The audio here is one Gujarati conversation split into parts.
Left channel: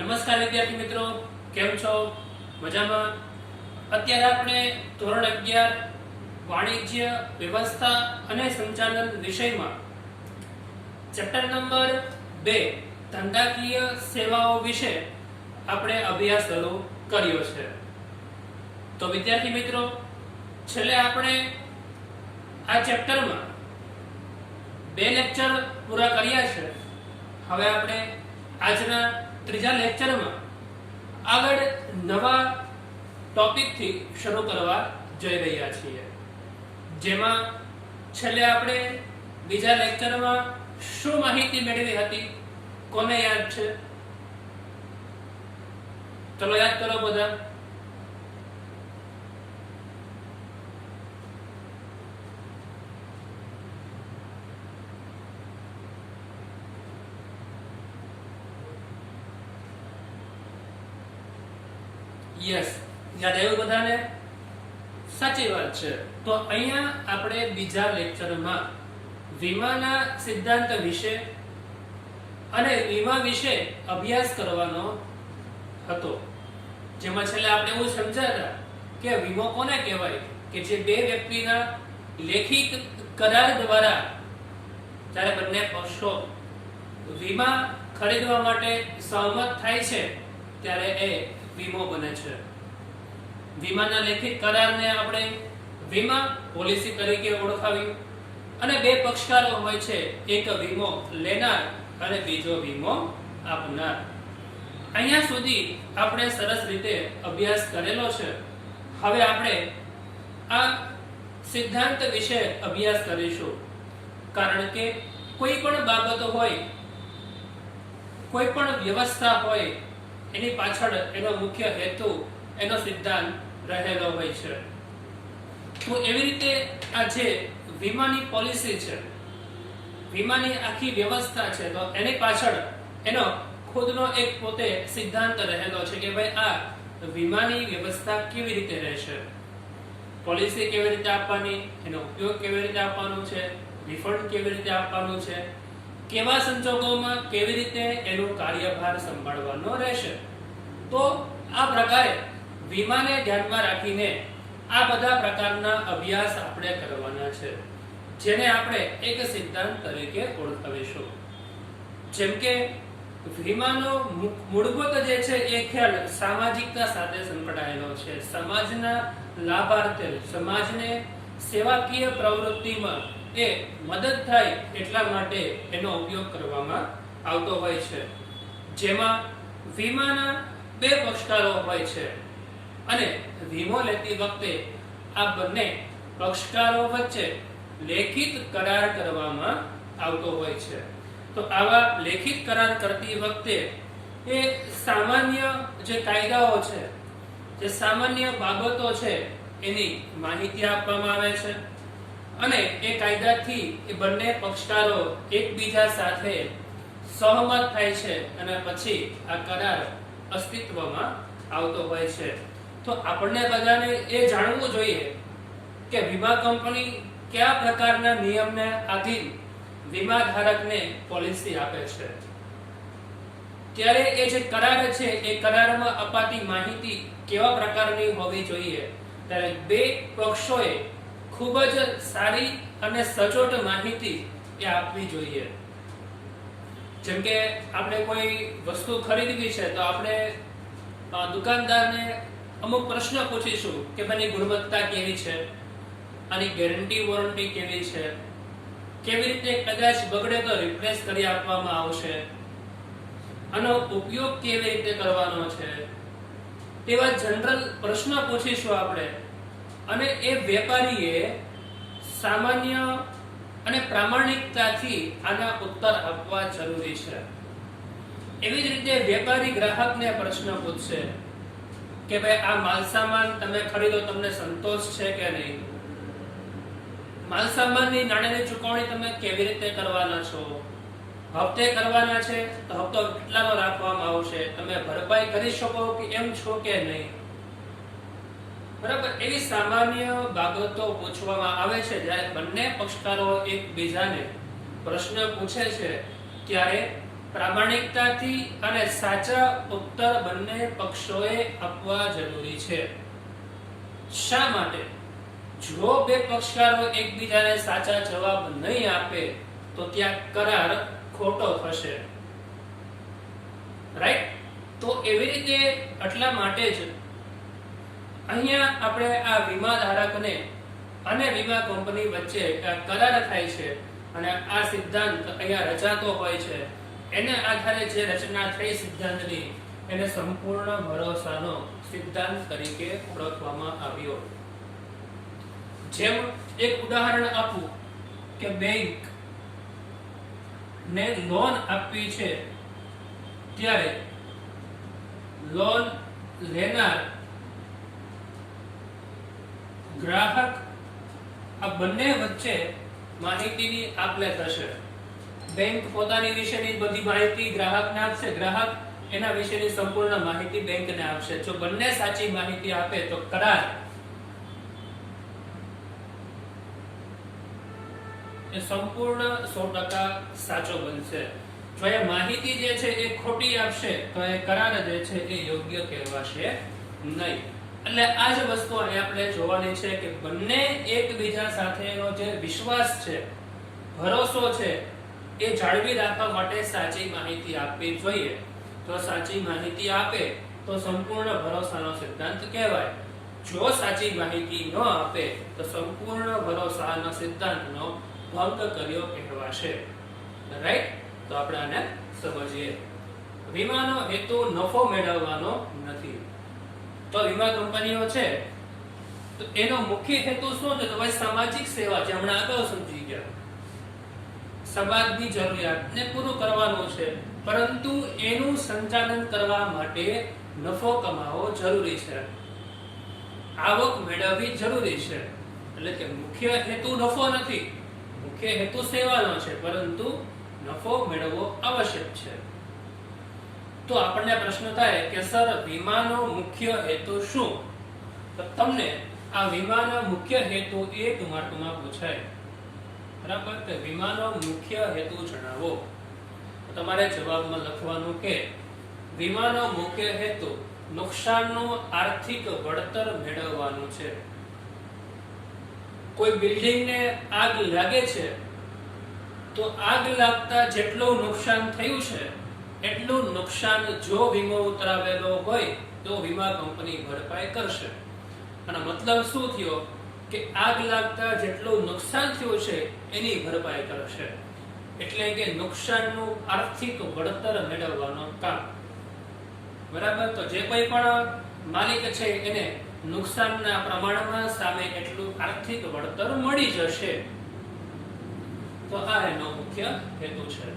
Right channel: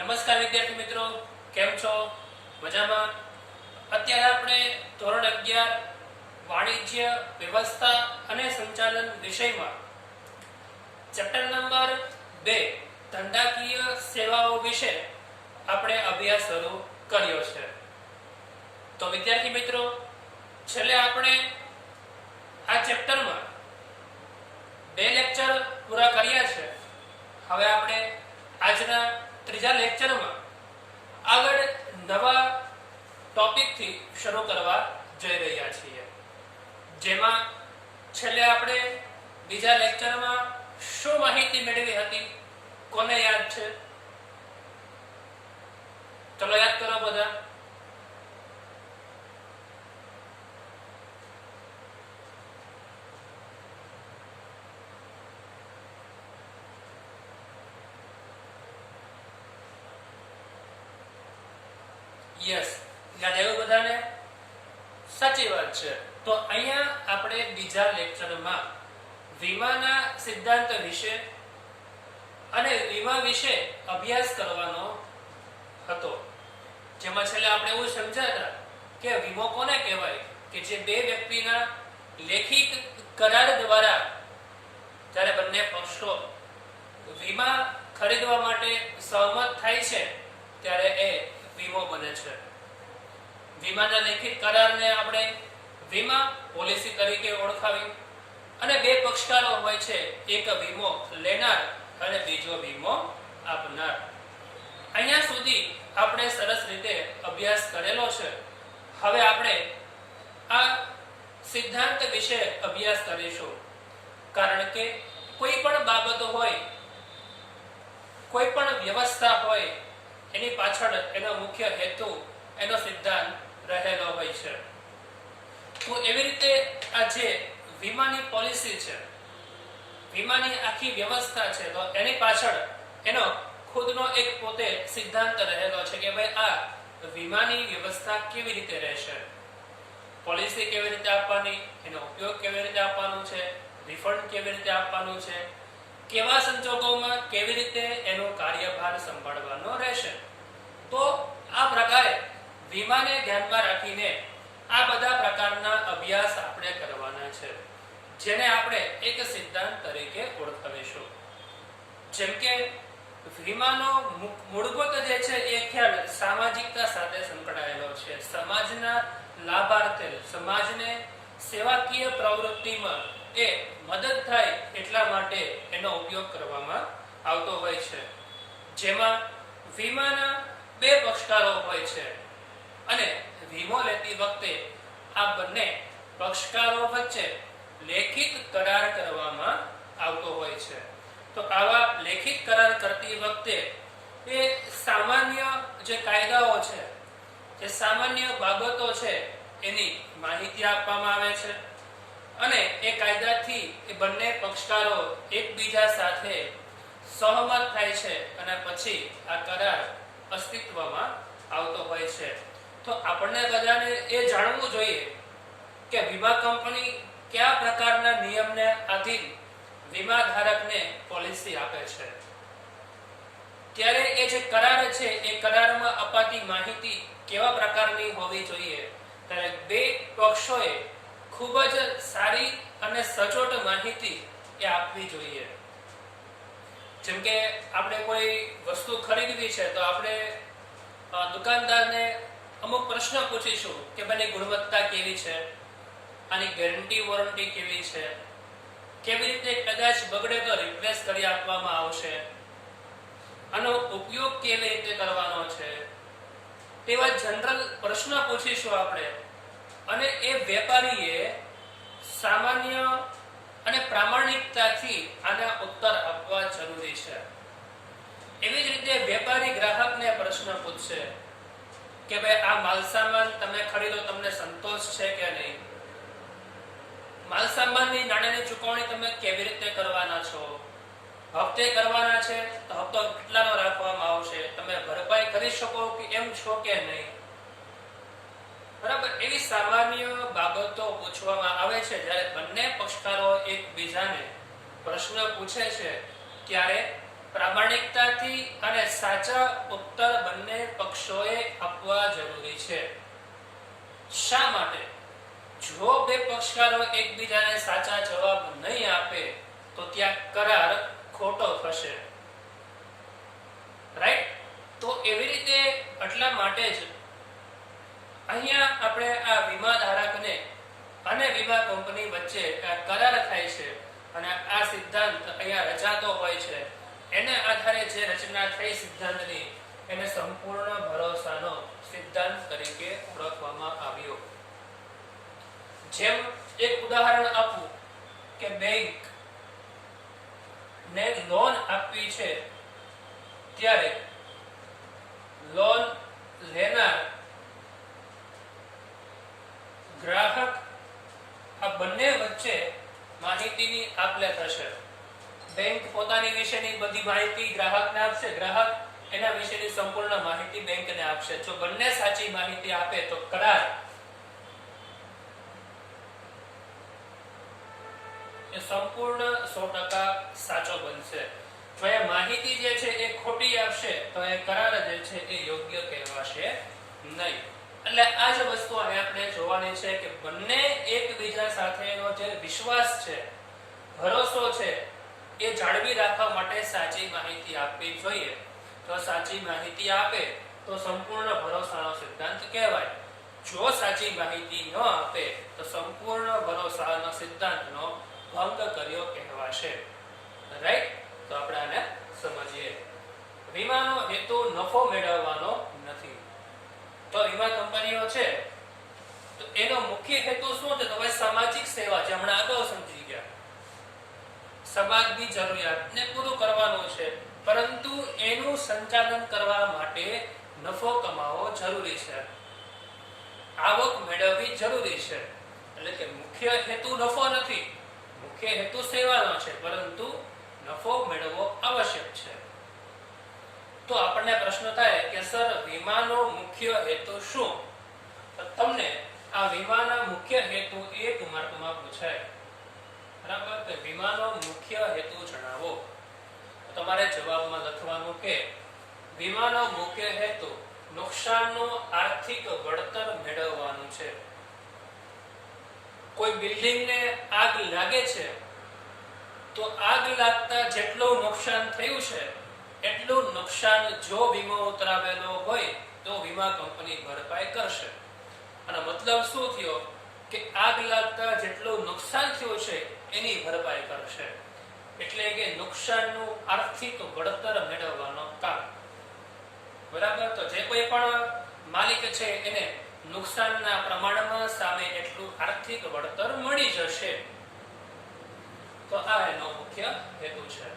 નમસ્કાર વિદ્યાર્થી મિત્રો, કેમ છો? મજામાં? અત્યારે આપણે ધોરણ 11 વાણિજ્ય વ્યવસ્થા અને સંચાલન વિષયમાં ચેપ્ટર નંબર 2 ધંધાકીય સેવાઓ વિશે આપણે અભ્યાસ શરૂ કર્યો છે. તો વિદ્યાર્થી મિત્રો, છેલ્લે આપણે આ ચેપ્ટરમાં 2 લેક્ચર પૂરા કર્યા છે. હવે આપણે આજના ત્રીજા લેક્ચરમાં આગળ નવા ટોપિકથી શરૂ કરવા જઈ રહ્યા છીએ, જેમાં છેલ્લે આપણે બીજા લેક્ચરમાં શું માહિતી મેળવી હતી, કોને યાદ છે? ચલો યાદ કરો બધા. યસ, યાદ આવ્યું બધાને? સાચી વાત છે. તો અહીંયા આપણે બીજા લેક્ચરમાં વીમાના સિદ્ધાંત વિશે અને વીમા વિશે અભ્યાસ કરવાનો હતો, જેમાં છેલ્લે આપણે એવું સમજાતા કે વીમો કોને કહેવાય કે જે બે વ્યક્તિના લેખિત કરાર દ્વારા જ્યારે બંને પક્ષો વીમા ખરીદવા માટે સહમત થાય છે ત્યારે એ વીમો બને છે. વીમાના લેખિત કરારને આપણે વીમા પોલિસી તરીકે ઓળખાવી અને બે પક્ષકારો હોય છે, એક વીમો લેનાર અને બીજો વીમો આપનાર. અહીંયા સુધી આપણે સરસ રીતે અભ્યાસ કરેલો છે. હવે આપણે આ સિદ્ધાંત વિશે અભ્યાસ કરીશું, કારણ કે કોઈ પણ બાબતો હોય, કોઈ પણ વ્યવસ્થા હોય, એની પાછળ એનો મુખ્ય હેતુ, એનો સિદ્ધાંત રહેલો હોય છે. તો એવી રીતે આ જે વીમાની પોલિસી છે, વીમાની આખી વ્યવસ્થા છે, તો એની પાછળ એનો ખુદનો એક પોતે સિદ્ધાંત રહેલો છે કે ભાઈ આ વીમાની વ્યવસ્થા કેવી રીતે રહેશે, પોલિસી કેવી રીતે આપવાની, એનો ઉપયોગ કેવી રીતે આપવાનું છે, રિફંડ કેવી રીતે આપવાનું છે, કેવા સંજોગોમાં કેવી રીતે એનો કાર્યભાર સંભાળવાનો રહેશે. તો આ પ્રકારે વીમાને ધ્યાનમાં રાખીને આ બધા પ્રકારના અભ્યાસ આપણે કરવાના છે, જેને આપણે એક સિદ્ધાંત તરીકે ઓળખાવીશું. જેમ કે વીમાનો મૂળભૂત જે છે એ ખ્યાલ સામાજિકતા સાથે સંકળાયેલો છે. સમાજના લાભાર્થે, સમાજને સેવાકીય પ્રવૃત્તિમાં એ મદદ થાય એટલા માટે એનો ઉપયોગ કરવામાં આવતો હોય છે, જેમાં વીમાના બે પક્ષકારો હોય છે અને વીમો લેતી વખતે આ બંને પક્ષકારો વચ્ચે લેખિત કરાર કરવામાં આવતો હોય છે. તો આવા લેખિત કરાર કરતી વખતે એ સામાન્ય જે કાયદાઓ છે, જે સામાન્ય બાબતો છે, એની માહિતી આપવામાં આવે છે અને એ કાયદાથી એ બંને પક્ષકારો એકબીજા સાથે સહમત થાય છે અને પછી આ કરાર અસ્તિત્વમાં આવતો હોય છે. તો આપણને બધાને એ જાણવું જોઈએ કે વીમા કંપની કયા પ્રકારના નિયમને આધીન વીમા ધારકને પોલિસી આપે છે. ત્યારે એ જે કરાર છે એ કરારમાં અપાતી માહિતી કેવા પ્રકારની હોવી જોઈએ, ત્યારે બે પક્ષોએ ખૂબ જ સારી અને સચોટ માહિતી એ આપવી જોઈએ. જેમ કે આપણે કોઈ વસ્તુ ખરીદવી છે તો આપણે દુકાનદારને અમુક પ્રશ્ન પૂછીશું કે ભાઈ ગુણવત્તા કેવી છે, આની ગેરંટી વોરંટી કેવી છે, કેવી રીતે કદાચ બગડે તો રિપ્લેસ કરી આપવામાં આવશે, આનો ઉપયોગ કેવી રીતે કરવાનો છે, તેવા જનરલ પ્રશ્ન પૂછીશું આપણે. અને એ વેપારીએ સામાન્ય અને પ્રામાણિકતાથી આના ઉત્તર આપવા જરૂરી છે. એવી જ રીતે વેપારી ગ્રાહકને પ્રશ્ન પૂછશે કે ભાઈ આ માલસામાન તમે ખરીદો, તમને સંતોષ છે કે નહીં, માલસામાનની નાણાંની ચૂકવણી તમે કેવી રીતે કરવાના છો, હપ્તે કરવાના છે તો હપ્તો કેટલાનો રાખવામાં આવશે, તમે ભરપાઈ કરી શકો કે એમ છો કે નહીં. બરાબર, એવી સામાન્ય બાબતો પૂછવામાં આવે છે જ્યારે બંને પક્ષકારો એકબીજાને પ્રશ્ન પૂછે છે ત્યારે પ્રામાણિકતાથી અને સાચા ઉત્તર બંને પક્ષોએ આપવા જરૂરી છે. શા માટે? જો બે પક્ષકારો એકબીજાને સાચા જવાબ નહીં આપે તો ત્યાં કરાર ખોટો થશે. રાઈટ? તો એવી રીતે એટલા માટે જ અહીંયા આપણે આ વીમા ધારકને અને વીમા કંપની વચ્ચે કરાર થાય છે અને આ સિદ્ધાંત અહીંયા રચાતો હોય છે. એના આધારે જે રચના થઈ સિદ્ધાંતની એને સંપૂર્ણ ભરોસાનો સિદ્ધાંત તરીકે ઓળખવામાં આવ્યો. જેમ એક ઉદાહરણ આપું કે બેંક ને લોન આપવી છે ત્યારે લોન લેનાર ગ્રાહક આ બંને વચ્ચે માહિતીની આપ-લે થશે. બેંક પોતાની વિશેની બધી માહિતી ગ્રાહકને આપશે, ગ્રાહક એના વિશેની સંપૂર્ણ માહિતી બેંકને આપશે. જો બંને સાચી માહિતી આપે તો કરાર એ સંપૂર્ણ 100% સાચો બનશે. જો એ માહિતી જે છે એ ખોટી આપશે તો એ કરાર જે છે એ યોગ્ય કહેવાશે નહીં. એટલે આ જ વસ્તુ આપણે જોવાની છે કે બંને એકબીજા સાથેનો જે વિશ્વાસ છે, ભરોસો છે, એ જાળવી રાખવા માટે સાચી માહિતી આપવી જોઈએ. જો સાચી માહિતી આપે તો સંપૂર્ણ ભરોસાનો સિદ્ધાંત કહેવાય. જો સાચી માહિતી ન આપે તો સંપૂર્ણ ભરોસાના સિદ્ધાંતનો ભંગ કર્યો કહેવાશે. રાઈટ? તો આપણે આને સમજીએ. વીમાનો હેતુ નફો મેળવવાનો નથી. તો વીમા કંપનીઓ છે તો એનો મુખ્ય હેતુ શું છે? તો ભાઈ સામાજિક સેવા, જે હમણાં આગળ સમજી ગયા, સમાજની જરૂરિયાતને પૂરું કરવાનું છે, પરંતુ એનું સંચાલન કરવા માટે નફો કમાવો જરૂરી છે, આવક મેળવવી જરૂરી છે. એટલે કે મુખ્ય હેતુ નફો નથી, મુખ્ય હેતુ સેવાનો છે, પરંતુ નફો મેળવવો આવશ્યક છે. તો આપણને પ્રશ્ન થાય કે સર વીમાનો મુખ્ય હેતુ શું? તો તમને આ વીમાનો મુખ્ય હેતુ 1 માર્કમાં પૂછાય. બરાબર? તો વીમાનો મુખ્ય હેતુ જણાવો. તમારે જવાબમાં લખવાનું કે વીમાનો મુખ્ય હેતુ નુકસાનનું આર્થિક વળતર મેળવવાનું છે. કોઈ બિલ્ડિંગને આગ લાગે છે તો આગ લાગતા જેટલું નુકસાન થયું છે એટલું નુકસાન જો વીમો ઉતરાવેલો હોય તો વીમા કંપની ભરપાઈ કરશે. અને મતલબ શું થયો કે આગ લાગતા જેટલું નુકસાન થયું છે એની ભરપાઈ કરશે. એટલે કે નુકસાનનું આર્થિક વળતર મેળવવાનો કામ. બરાબર? તો જે કોઈ પણ માલિક છે એને નુકસાનના પ્રમાણમાં સામે એટલું આર્થિક વળતર મળી જશે. તો આ એનો મુખ્ય હેતુ છે.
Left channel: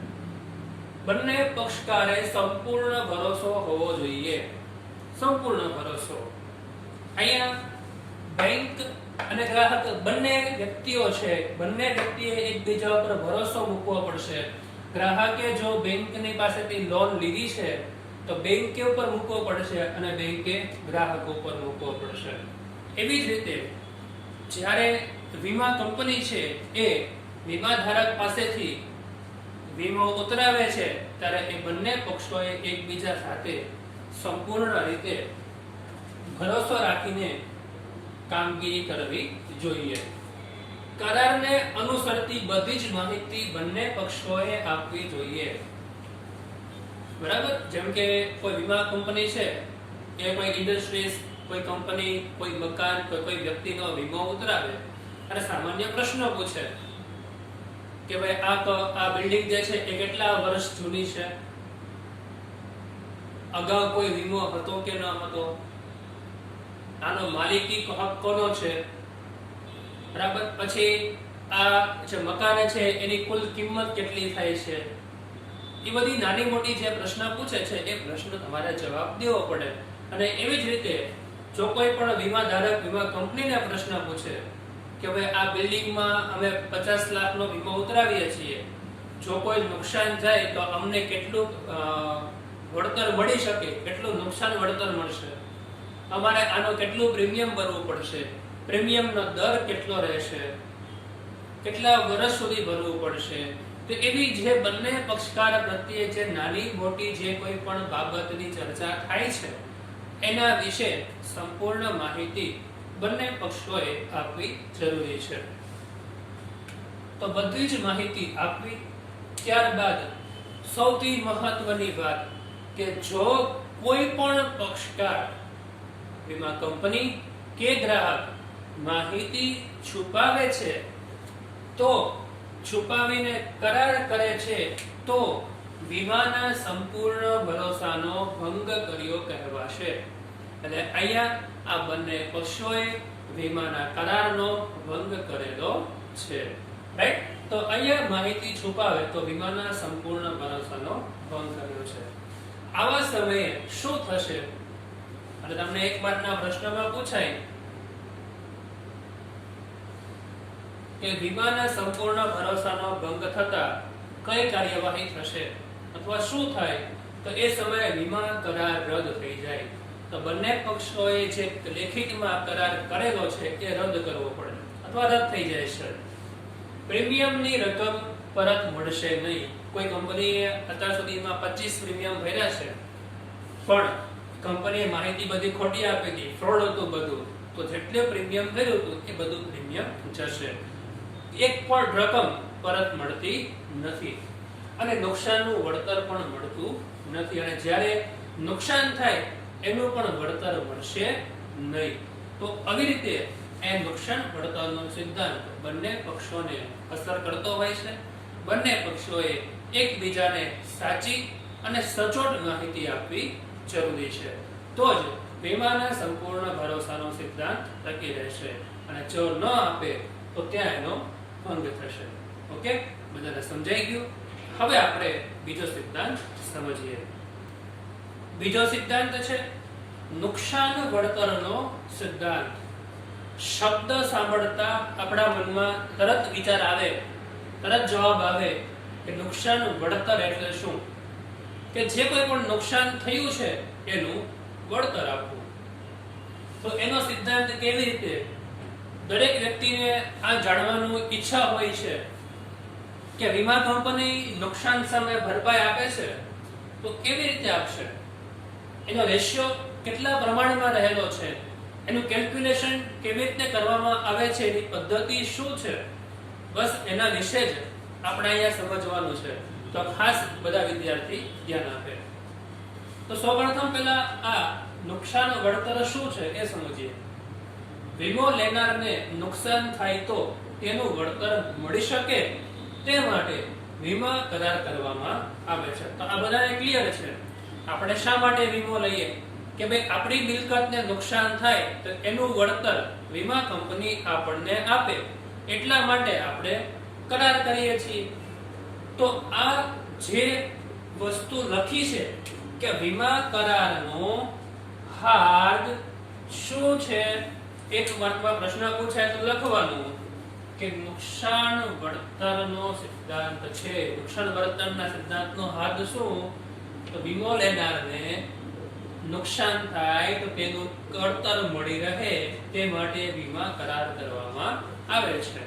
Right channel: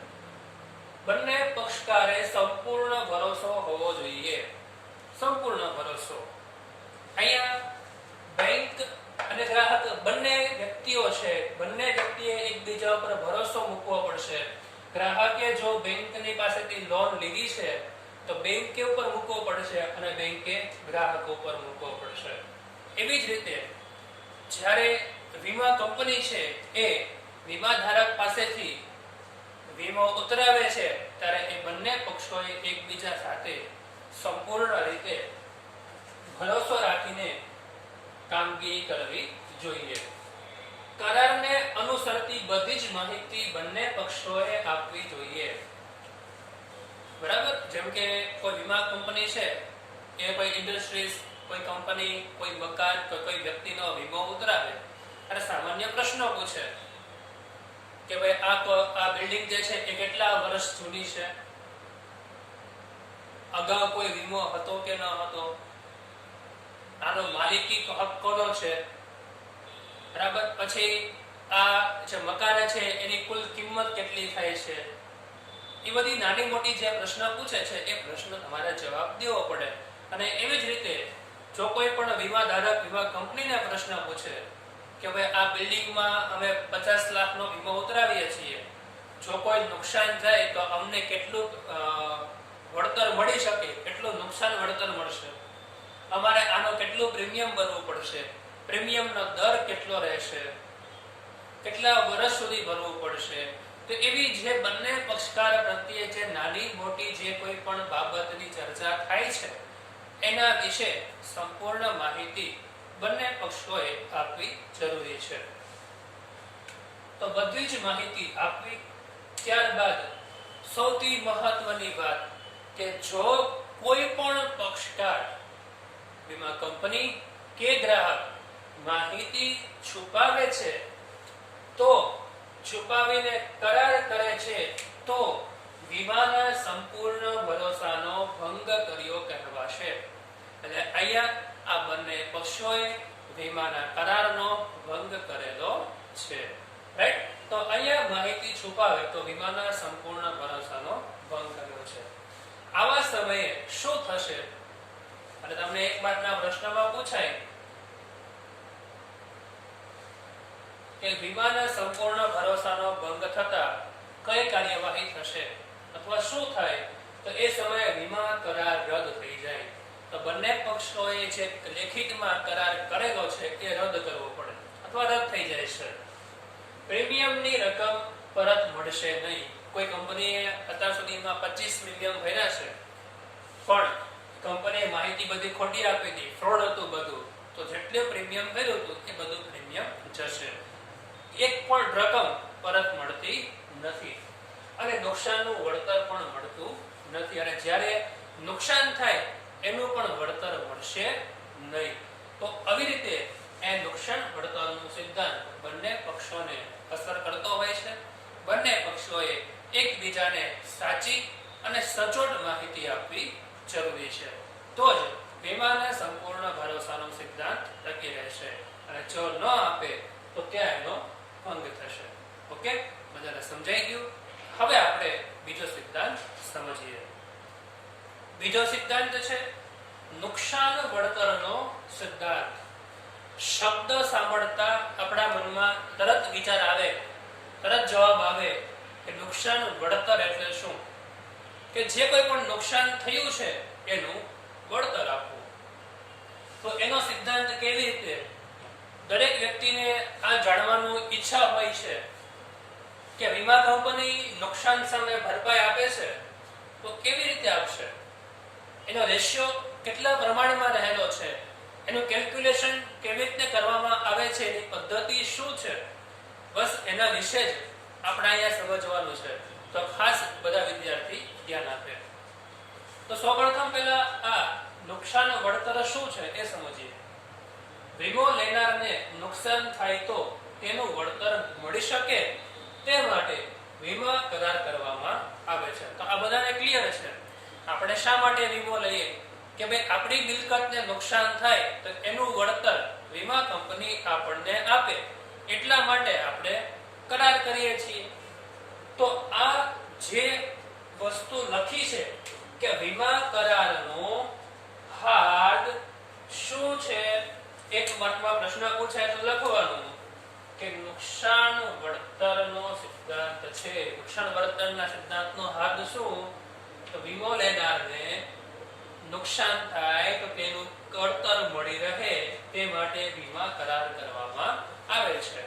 બંને પક્ષકારે સંપૂર્ણ ભરોસો હોવો જોઈએ. સંપૂર્ણ ભરોસો. અહીંયા બેંક અને ગ્રાહક બંને વ્યક્તિઓ છે, બંને વ્યક્તિએ એકબીજા પર ભરોસો મૂકવો પડશે. ગ્રાહકે જો બેંકની પાસેથી લોન લીધી છે તો બેંકે ઉપર મૂકવો પડશે અને બેંકે ગ્રાહક ઉપર મૂકવો પડશે. એવી જ રીતે જ્યારે વીમા કંપની છે એ વીમા ધારક પાસેથી વીમો ઉતરાવે છે ત્યારે એ બંને પક્ષોએ એકબીજા સાથે સંપૂર્ણ રીતે ભરોસો રાખીને કામગીરી કરવી જોઈએ. કરારને અનુસરતી બધી જ માહિતી બંને પક્ષોએ આપવી જોઈએ. બરાબર? જેમ કે કોઈ વીમા કંપની છે એ કોઈ ઇન્ડસ્ટ્રીઝ, કોઈ કંપની, કોઈ મકાન, કોઈ વ્યક્તિનો વીમો ઉતરાવે અને સામાન્ય પ્રશ્નો પૂછે કે ભાઈ આ બિલ્ડિંગ જે છે એ કેટલા વર્ષ જૂની છે, અગાઉ કોઈ વીમો હતો કે ન હતો, આનો માલિકી હક કોનો છે, બરાબર? પછી આ જે મકાન છે એની કુલ કિંમત કેટલી થાય છે. એ બધી નાની મોટી જે પ્રશ્ન પૂછે છે એ પ્રશ્ન તમારે જવાબ દેવો પડે. અને એવી જ રીતે જો કોઈ પણ વીમા ધારક વીમા કંપનીને પ્રશ્ન પૂછે કે ભાઈ આ બિલ્ડિંગમાં અમે 50 લાખનો વીમો ઉતરાવીએ છીએ, જો કોઈ નુકસાન થાય તો અમને કેટલું વળતર મળી શકે, કેટલું નુકસાન વળતર મળશે, અમારે આનો કેટલું પ્રીમિયમ ભરવું પડશે, પ્રીમિયમનો દર કેટલો રહેશે, કેટલા વર્ષ સુધી ભરવું પડશે, તો એવી જે બંને પક્ષકાર પ્રત્યે જે નાની મોટી જે કોઈ પણ બાબતની ચર્ચા થાય છે એના વિશે સંપૂર્ણ માહિતી બંને પક્ષોએ આપવી જરૂરી છે. તો બધી જ માહિતી આપવી. ત્યારબાદ સૌથી મહત્વની વાત કે જો કોઈ પણ પક્ષકાર વીમા કંપની કે ગ્રાહક માહિતી છુપાવે છે તો છુપાવીને કરાર કરે છે તો વીમાના સંપૂર્ણ ભરોસાનો ભંગ કર્યો કહેવાશે. એટલે અહીંયા આ બંને પક્ષોએ વીમાના કરારનો ભંગ કરેલો છે. રાઈટ? તો અહીંયા માહિતી છુપાવે તો વીમાના સંપૂર્ણ ભરોસાનો ભંગ કર્યો છે. આવા સમયે શું થશે? અને તમને એક બારના પ્રશ્નમાં પૂછાય કે વીમાના સંપૂર્ણ ભરોસાનો ભંગ થતા કઈ કાર્યવાહી થશે અથવા શું થાય? તો એ સમયે વીમા કરાર રદ થઈ જાય. તો બંને પક્ષોએ જે લેખિતમાં કરાર કરેલો છે એ રદ કરવો પડે અથવા રદ થઈ જાય છે. પ્રીમિયમની રકમ પરત મળશે નહીં. કોઈ કંપનીએ અત્યાર સુધીમાં 25 પ્રીમિયમ ભર્યા છે પણ કંપનીએ માહિતી બધી ખોટી આપી હતી, ફ્રોડ હતું બધું, તો જેટલું પ્રીમિયમ ભર્યું હતું એ બધું પ્રીમિયમ જશે. એક પણ રકમ પરત મળતી નથી અને નુકસાનનું વળતર પણ મળતું નથી. અને જ્યારે નુકસાન થાય એનું પણ વળતર મળશે નહીં. તો આવી રીતે એ નુકસાન વળતરનો સિદ્ધાંત બંને પક્ષોને અસર કરતો હોય છે. બંને પક્ષોએ એકબીજાને સાચી અને સચોટ માહિતી આપવી જરૂરી છે. તો જ વીમાના સંપૂર્ણ ભરોસાનો સિદ્ધાંત ટકી રહેશે. અને જો ન આપે તો ત્યાં એનો ભંગ થશે. ઓકે, બધાને સમજાઈ ગયું? હવે આપણે બીજો સિદ્ધાંત સમજીએ. બીજો સિદ્ધાંત છે નુકસાન વળતરનો સિદ્ધાંત. શબ્દ સાંભળતા આપણા મનમાં તરત વિચાર આવે, તરત જવાબ આવે કે નુકસાન વળતર એટલે શું? કે જે કોઈ પણ નુકસાન થયું છે એનું વળતર આપવું. તો એનો સિદ્ધાંત કેવી રીતે? દરેક વ્યક્તિને આ જાણવાનું ઈચ્છા હોય છે કે વીમા કંપની નુકસાન સામે ભરપાઈ આપે છે તો કેવી રીતે આપશે? એનો રેશિયો કેટલા પ્રમાણમાં રહેલો છે? એનું કેલ્ક્યુલેશન કેવી રીતે કરવામાં આવે છે? એની પદ્ધતિ શું છે? બસ એના વિશે જ આપણે અહીંયા સમજવાનું છે. તો ખાસ બધા વિદ્યાર્થી ધ્યાન આપે. તો સૌપ્રથમ પહેલા આ નુકસાન વળતર શું છે એ સમજીએ. વીમો લેનારને નુકસાન થાય તો તેનું વળતર મળી શકે તે માટે વીમા કરાર કરવામાં આવે છે. તો આ બધાને ક્લિયર છે. આપણે શા માટે વીમો લઈએ? કે ભાઈ આપણી મિલકતને નુકસાન થાય તો એનું વળતર વીમા કંપની આપણને આપે, એટલા માટે આપણે કરાર કરીએ છીએ. તો આ જે વસ્તુ લખી છે કે વીમા કરારનો હાર્દ શું છે? એક માર્કમાં પ્રશ્ન પૂછાય તો લખવાનું કે નુકસાન વળતરનો સિદ્ધાંત છે. નુકસાન વળતરના સિદ્ધાંતનો હાર્દ શું? તો વીમો લેનારને નુકસાન થાય તો તેનું વળતર મળી રહે તે માટે વીમા કરાર કરવામાં આવે છે.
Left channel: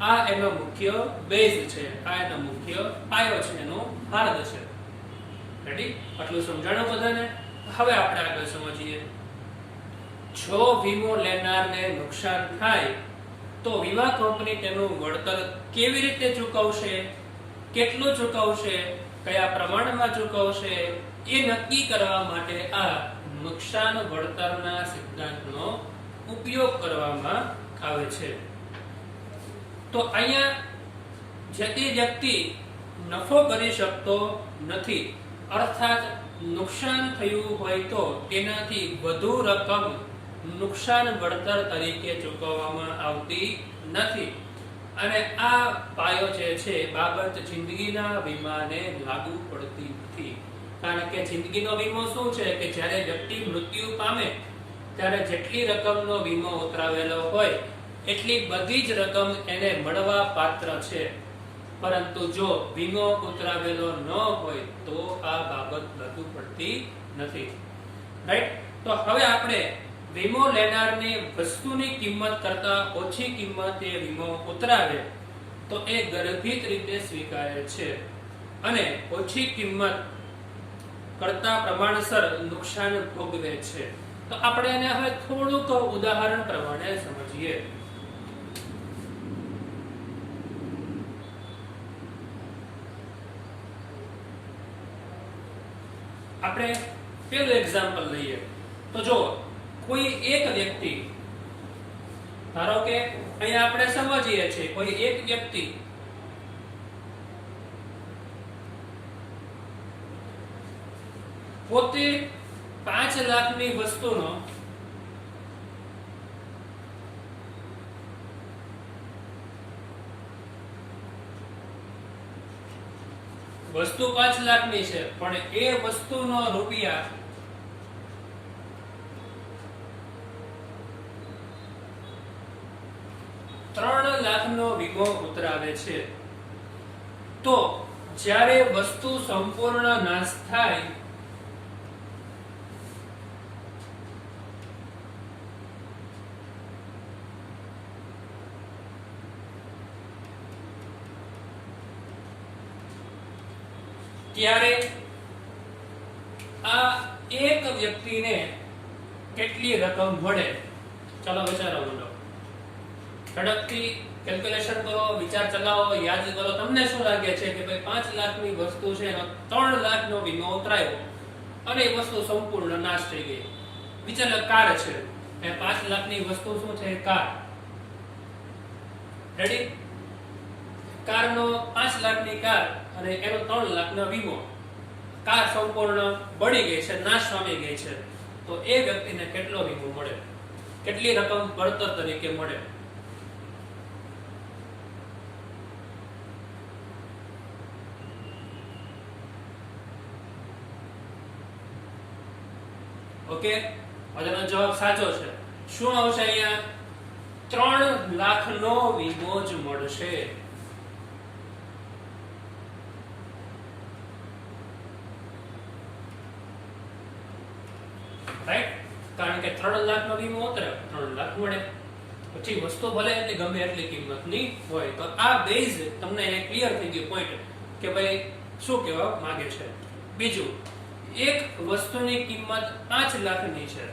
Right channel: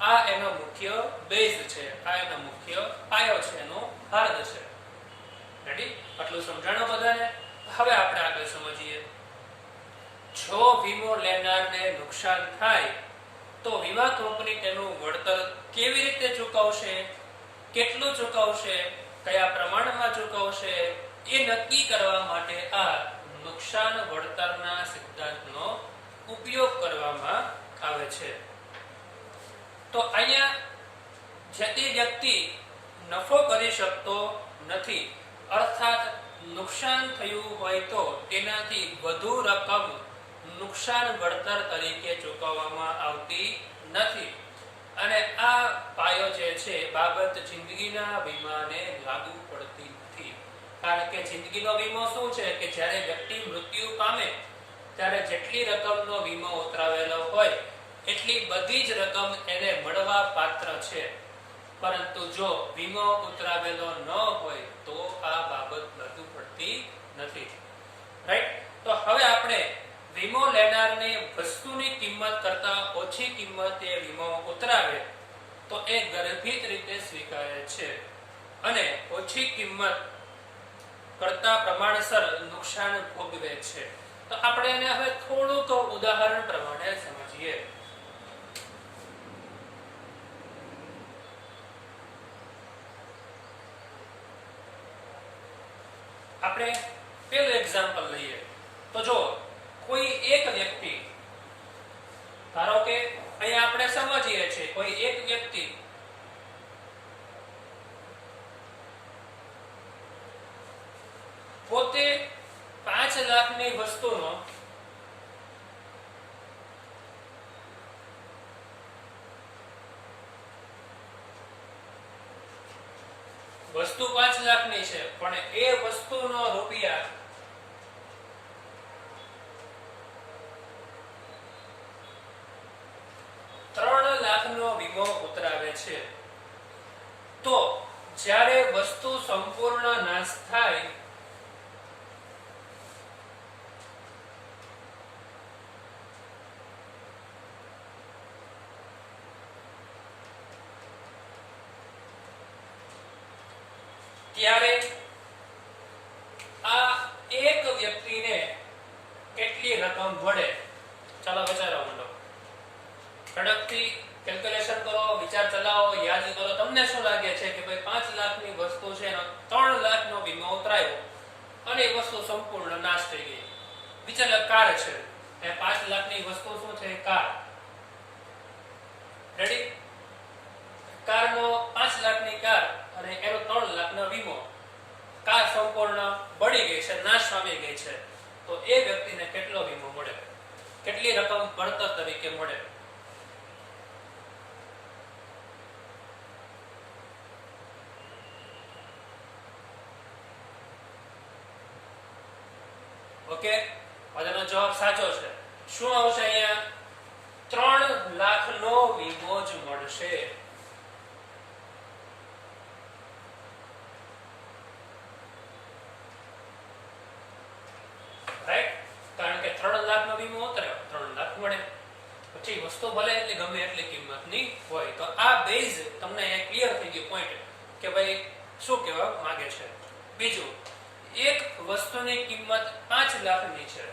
આ એનો મુખ્ય બેઝ છે, આ એનો મુખ્ય પાયો છે, એનો હાર્દ છે. રેડી? આટલું સમજાણું બધાને? હવે આપણે આગળ સમજીએ. જો વીમો લેનારને નુકસાન થાય તો વીમા કંપની તેનું વળતર કેવી રીતે ચૂકવશે, કેટલું ચૂકવશે, કયા પ્રમાણમાં ચૂકવશે એ નક્કી કરવા માટે આ નુકસાન વળતરના સિદ્ધાંતનો ઉપયોગ કરવામાં આવે છે. તો અહીંયા જે તે વ્યક્તિ નફો કરી શકતો નથી, અર્થાત નુકસાન થયું હોય તો તેનાથી વધુ રકમ નુકસાન વળતર તરીકે ચૂકવવામાં આવતી નથી. અને આ પાયો જે છે બાબત જિંદગીના વીમાને લાગુ પડતી નથી. કારણ કે જિંદગીનો વીમો શું છે કે જ્યારે વ્યક્તિ મૃત્યુ પામે ત્યારે જેટલી રકમનો વીમો ઉતરાવેલો હોય એટલી બધી જ રકમ એને મળવા પાત્ર છે. પરંતુ જો વીમો ઉતરાવેલો ન હોય તો આ બાબત લાગુ પડતી નથી. રાઈટ? તો હવે આપણે વીમો લેનારને વસ્તુની કિંમત કરતા ઓછી કિંમતે વીમો ઉતરાવે તો એ ગર્ભિત રીતે સ્વીકારે છે અને ઓછી કિંમત કરતા પ્રમાણસર નુકસાન ભોગવે છે. તો આપણે એને હવે થોડુંક ઉદાહરણ પ્રમાણે સમજીએ. આપણે પેલું એક્ઝામ્પલ લઈએ તો જો કોઈ એક વ્યક્તિ, ધારો કે અહીંયા આપણે સમજીએ છીએ કોઈ એક વ્યક્તિ પોતે 5 લાખની વસ્તુનો વસ્તુ 5 લાખની છે પણ એ વસ્તુનો રૂપિયા 3 લાખનો વીમો ઉતરાવે છે. તો જ્યારે વસ્તુ સંપૂર્ણ નાશ થાય ત્યારે આ એક વ્યક્તિને કેટલી રકમ મળે? ચાલો વિચારો માંડો. ઝડપથી કેલ્ક્યુલેશન કરો, વિચાર ચલાવો, યાદ કરો. તમને શું લાગે છે કે ભાઈ 5 લાખની વસ્તુ છે ને 3 લાખનો વીમો ઉતરાયો અને એ વસ્તુ સંપૂર્ણ નાશ થઈ ગઈ. વિચાર, કાર છે એ 5 લાખની વસ્તુ શું છે? કાર. રેડી? કારનો 5 લાખની કાર અને એનો 3 લાખનો વીમો. કાર સંપૂર્ણ બળી ગઈ છે, નાશ પામી ગઈ છે. તો એ વ્યક્તિને કેટલો વીમો મળે? કેટલી રકમ વળતર તરીકે મળે? ઓકે, બધાનો જવાબ સાચો છે. શું આવશે અહીંયા? 3 લાખનો વીમો જ મળશે. રાઈટ? કારણ કે 3 લાખનો વીમો ઉતર્યો, 3 લાખ મળે. પછી વસ્તુ ભલે એટલી ગમે એટલી કિંમતની હોય. તો આ બેઝ તમને અહીંયા ક્લિયર થઈ ગયું પોઈન્ટ કે ભાઈ શું કહેવા માંગે છે. બીજું, એક વસ્તુની કિંમત 5 લાખની છે.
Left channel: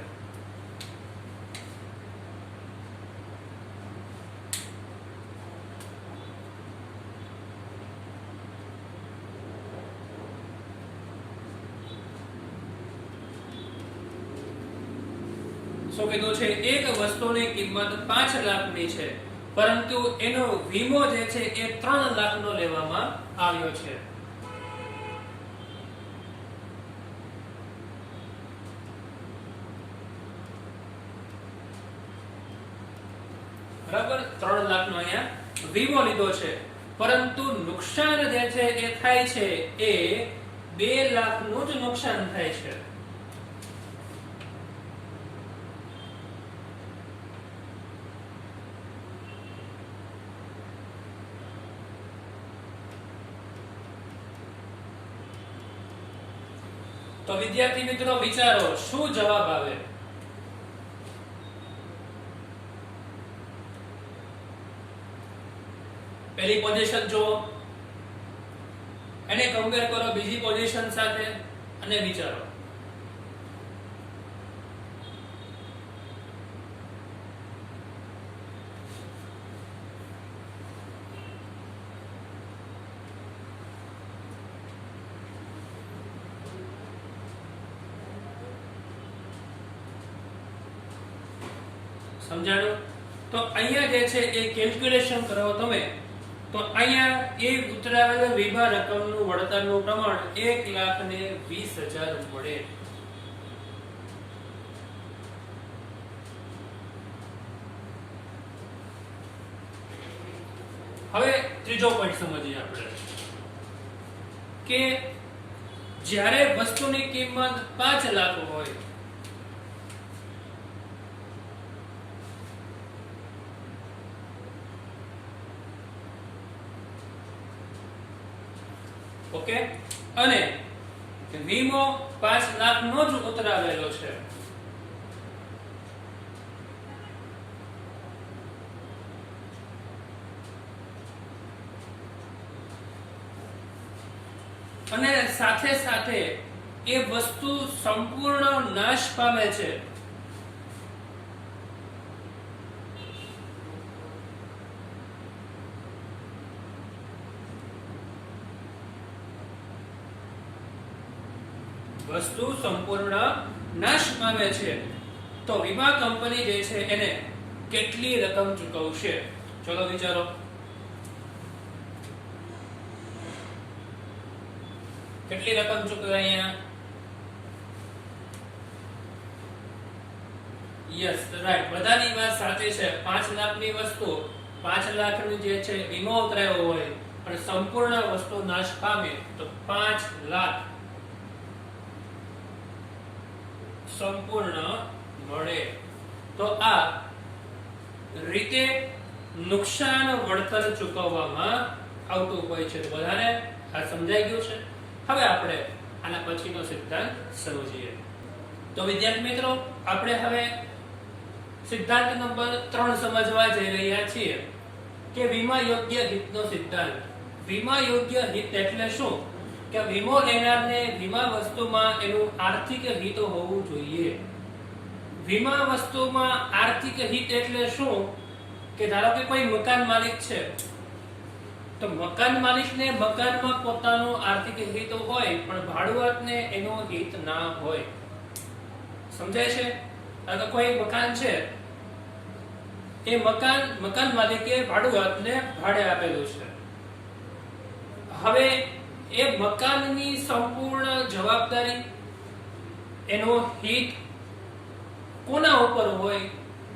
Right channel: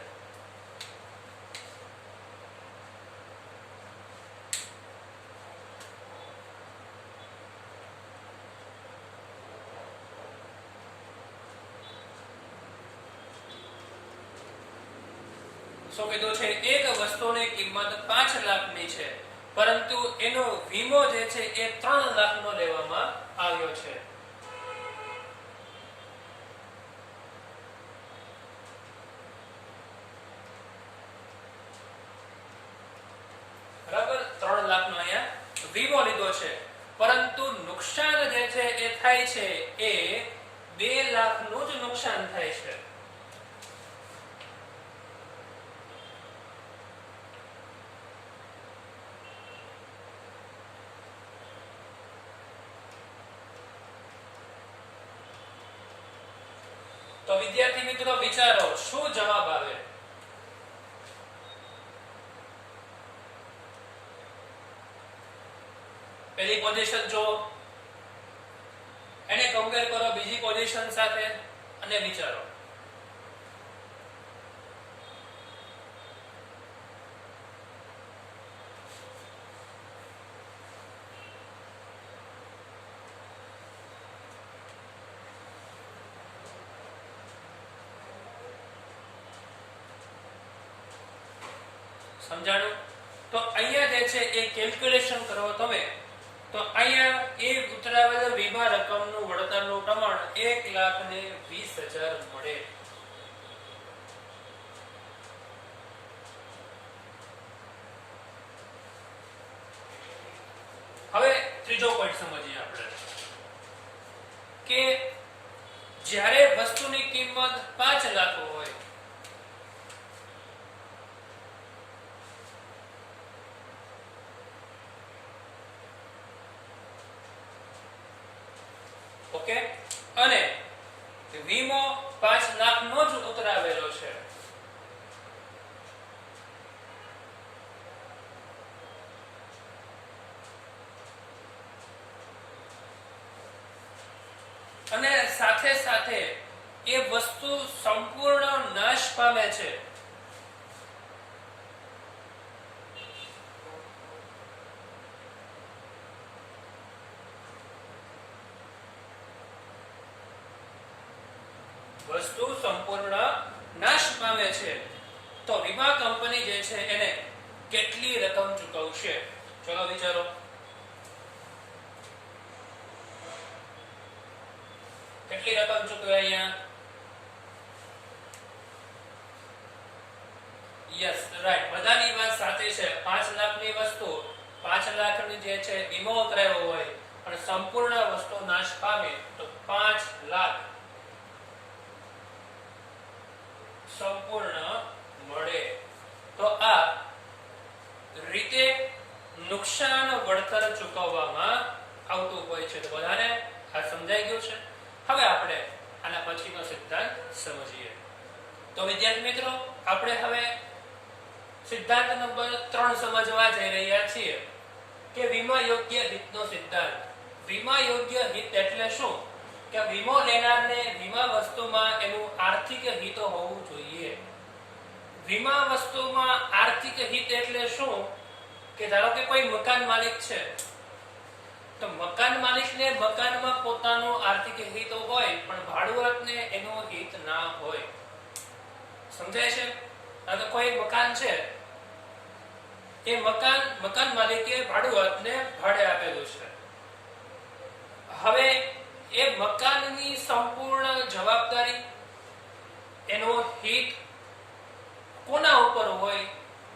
શું કીધું છે? એક વસ્તુની કિંમત 5 લાખની છે પરંતુ એનો વીમો જે છે એ 3 લાખનો લેવામાં આવ્યો છે. બરાબર? 3 લાખનો અહીંયા વીમો લીધો છે પરંતુ નુકસાન જે છે એ થાય છે એ 2 લાખનું જ નુકસાન થાય છે. તો વિદ્યાર્થી મિત્રો વિચારો શું જવાબ આવે? પહેલી પોઝિશન જો એને કમ્પેર કરો બીજી પોઝિશન સાથે અને વિચારો. સમજાણું? તો અહીંયા જે છે એ કેલ્ક્યુલેશન કરો તમે તો અહીંયા એ ઉતરાવેલ વીમા રકમનું વળતરનું પ્રમાણ 1,20,000 મળે. હવે ત્રીજો પોઈન્ટ સમજીએ આપણે કે જ્યારે વસ્તુની કિંમત 5 લાખ હોય ઓકે અને વીમો 5 લાખનો જ ઉતરાવેલો છે અને સાથે સાથે એ વસ્તુ સંપૂર્ણ નાશ પામે છે, વસ્તુ સંપૂર્ણ નાશ પામે છે, તો વીમા કંપની જે છે એને કેટલી રકમ ચૂકવશે? ચલો વિચારો. કેટલી રકમ ચૂકવે અહીંયા? યસ, રાઈટ, બધાની વાત સાચી છે. 5 લાખની વસ્તુ, 5 લાખની જે છે વીમો ઉતરાયો હોય અને સંપૂર્ણ વસ્તુ નાશ પામે તો 5 લાખ સંપૂર્ણ મળે. તો આ રીતે નુકસાન વળતર ચૂકવવામાં આવતું હોય છે. બધાને આ સમજાઈ ગયું છે? હવે આપણે આના પછીનો સિદ્ધાંત સમજીએ. તો વિદ્યાર્થી મિત્રો, આપણે હવે સિદ્ધાંત નંબર 3 સમજવા જઈ રહ્યા છીએ કે વીમા યોગ્ય હિતનો સિદ્ધાંત. વીમા યોગ્ય હિત એટલે શું? કે વીમો લેનારને વીમા વસ્તુમાં એનું આર્થિક હિત હોવું જોઈએ. વીમા વસ્તુમાં આર્થિક હિત એટલે શું? કે ધારો કે કોઈ મકાન માલિક છે, તો મકાન માલિકને મકાનમાં પોતાનો આર્થિક હિત હોય પણ ભાડુઆતને એનો હિત ના હોય. સમજાય છે? તો કોઈ મકાન છે, એ મકાન માલિકે ભાડુઆતને ભાડે આપેલું છે. હવે એ મકાનની સંપૂર્ણ જવાબદારી, એનો હિત કોના ઉપર હોય?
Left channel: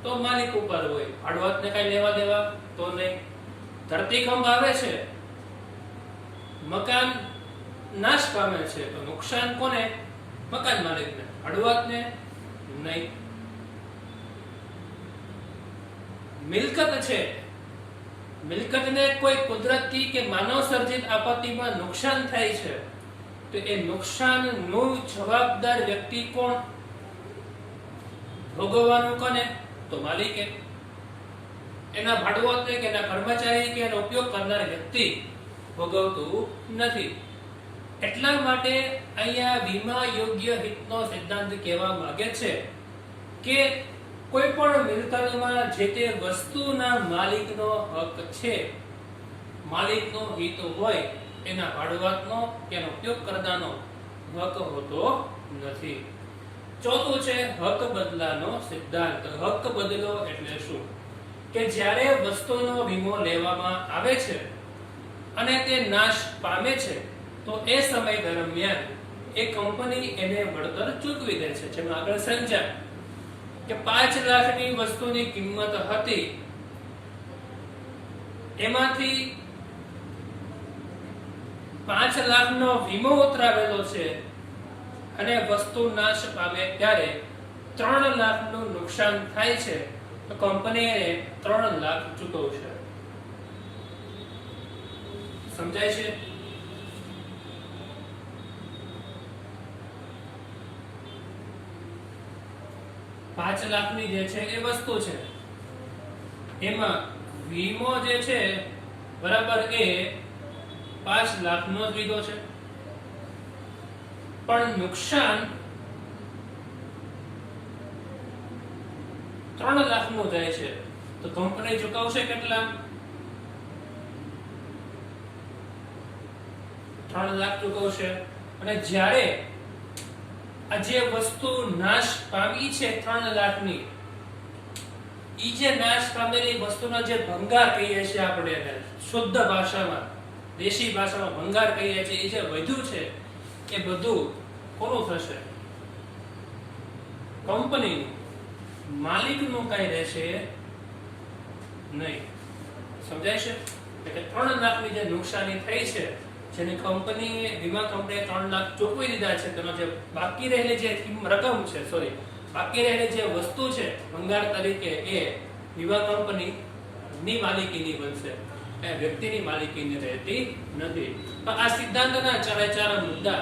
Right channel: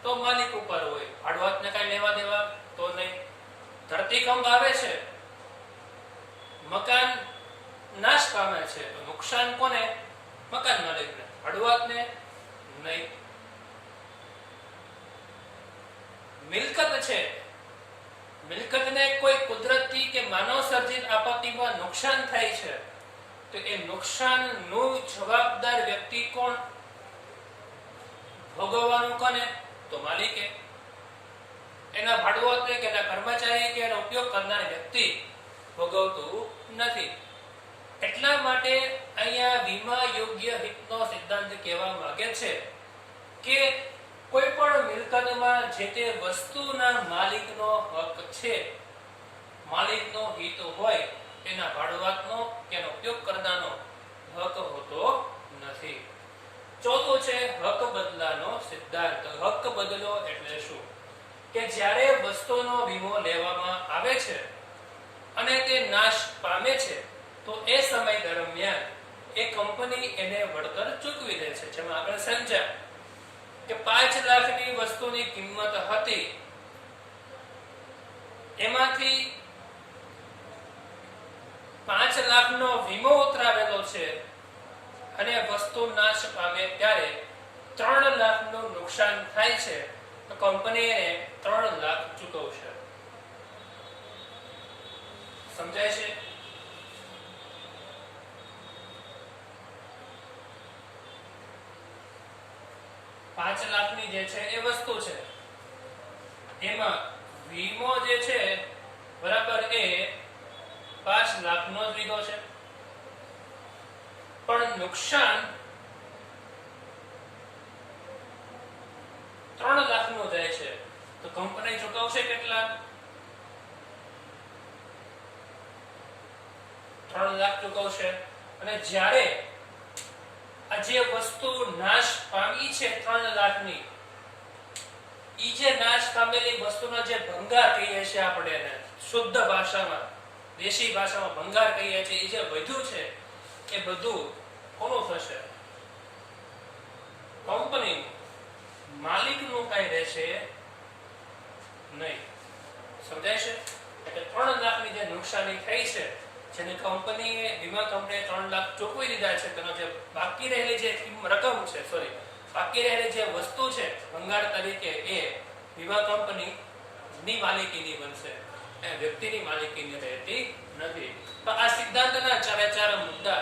તો માલિક ઉપર હોય. ભાડુઆતને કઈ લેવા દેવા તો નહીં. ધરતીકંપ આવે છે, મકાન નાશ પામે છે, તો નુકસાન કોને? મકાન માલિકને, ભાડુઆતને નહીં. મિલકત છે, મિલકતને કોઈ કુદરતી કે માનવ સર્જિત આપત્તિમાં નુકસાન થાય છે, તો એ નુકસાનનું જવાબદાર વ્યક્તિ કોણ? ભોગવવાનું કોને? તો માલિકે. એના ભાડુઆત કે એના કર્મચારી કે એનો ઉપયોગ કરનાર વ્યક્તિ ભોગવતું નથી. એટલા માટે અહીંયા વીમા યોગ્ય હિતનો સિદ્ધાંત કહેવા માંગે છે કે કોઈ પણ મિલકતમાં જે તે વસ્તુના માલિકનો હક છે, માલિકનો હિત હોય, એના ભાડુઆતનો કે એનો ઉપયોગ કરનારનો હક હોતો નથી. ચોથું છે હક બદલાનો સિદ્ધાંત. હક બદલો એટલે શું? કે જ્યારે વસ્તુનો વીમો લેવામાં આવે છે અને તે નાશ પામે છે, તો એ સમય દરમિયાન એ કંપની એને વળતર ચૂકવી દે છે. જેમાં આગળ સમજ્યા કે 5 લાખની વસ્તુની કિંમત હતી, એમાંથી 5 લાખનો વીમો ઉતરાવેલો છે અને વસ્તુ નાશ પામે ત્યારે 3 લાખનું નુકસાન થાય છે, તો કંપની એને 3 લાખ ચૂકવશે. સમજાય છે? ₹5 લાખની જે છે એ વસ્તુ છે, એમાં વીમો જે છે બરાબર એ 5 લાખનો જ લીધો છે, પણ નુકસાન 3 લાખનું થાય છે, તો કંપની ચૂકવશે કેટલા? 3 લાખ ચૂકવશે. અને જ્યારે આ જે વસ્તુ નાશ પામી છે 3 લાખની, ઈ જે નાશ પામેલી વસ્તુનો જે ભંગાર કહીએ છીએ આપણે એને શુદ્ધ ભાષામાં, દેશી ભાષામાં ભંગાર કહીએ છીએ, એ જે વધ્યું છે એ બધું કોનું થશે? કંપનીનું. માલિકનું કઈ રહેશે નહીં. સમજાય છે? એટલે 3 લાખની જે નુકસાની થઈ છે, જેની કંપનીએ, વીમા કંપનીએ 3 લાખ ચૂકવી દીધા છે, તેનો જે બાકી રહેલી જે રકમ છે, બાકી રહેલી જે વસ્તુ છે ભંગાર તરીકે, એ વીમા કંપનીની માલિકીની બનશે, એ વ્યક્તિની માલિકીની રહેતી નથી. તો આ સિદ્ધાંતના 4 મુદ્દા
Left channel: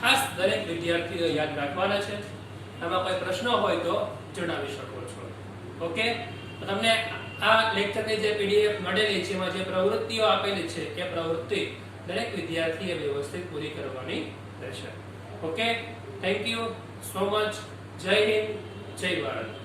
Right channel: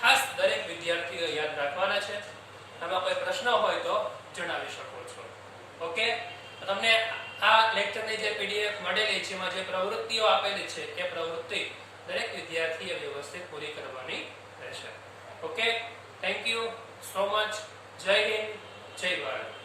ખાસ દરેક વિદ્યાર્થીઓ યાદ રાખવાના છે. આમાં કોઈ પ્રશ્ન હોય તો જણાવી શકો છો. ઓકે, તો તમને આ લેક્ચરની જે પીડીએફ મળેલી છે, એમાં જે પ્રવૃત્તિઓ આપેલી છે, એ પ્રવૃત્તિ દરેક વિદ્યાર્થીએ વ્યવસ્થિત પૂરી કરવાની રહેશે. Okay, thank you so much. જય હિન્દ, જય ભારત.